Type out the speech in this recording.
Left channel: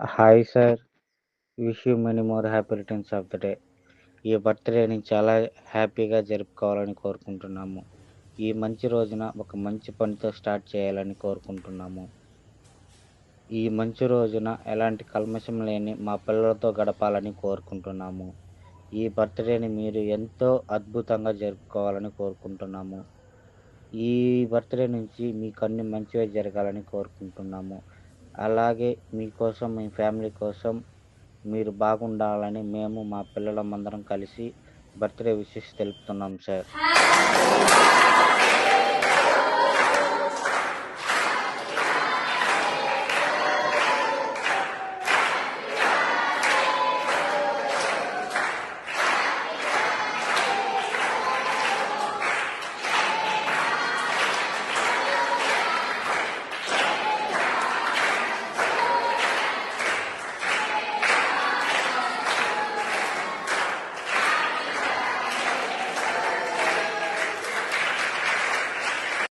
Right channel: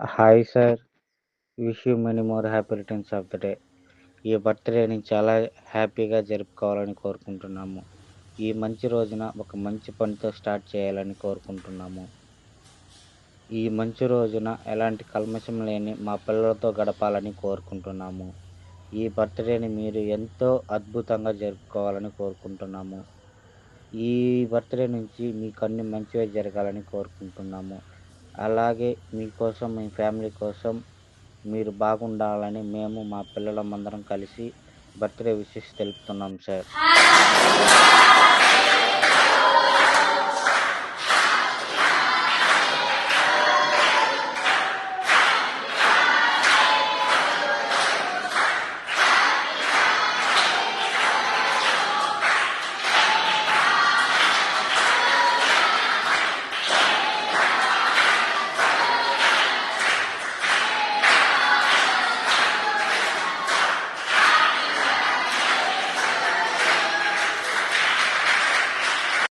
Hi sir. Wish you many more happy returns of the day. ఈ బర్త్‌డేని చాలా హ్యాపీగా జరుపుకోవాలని కోరుకుంటున్నాము. ఈ మంచి రోజున ఒక మంచి పనితో స్టార్ట్ చేయాలని కోరుకుంటున్నాము. ఈ మంచి రోజున ఎలాంటి కల్మషం లేని మా పిల్లలతో గడపాలని కోరుకుంటున్నాము. ఈ బర్త్‌డేని మీరు ఎంతో అద్భుతంగా జరుపుకోవాలని కోరుకుంటున్నాము. ఈ బర్త్‌డే నుంచి మీకన్నీ మంచివే జరగాలని కోరుకుంటున్నాము. అలాగే మీకోసం, మీ ఫ్యామిలీ కోసం మీరు బాగుండాలని మేము మా పిల్లలమందరం కలిసి బర్త్‌డే విషెస్ తెలుపుతున్నాం సార్.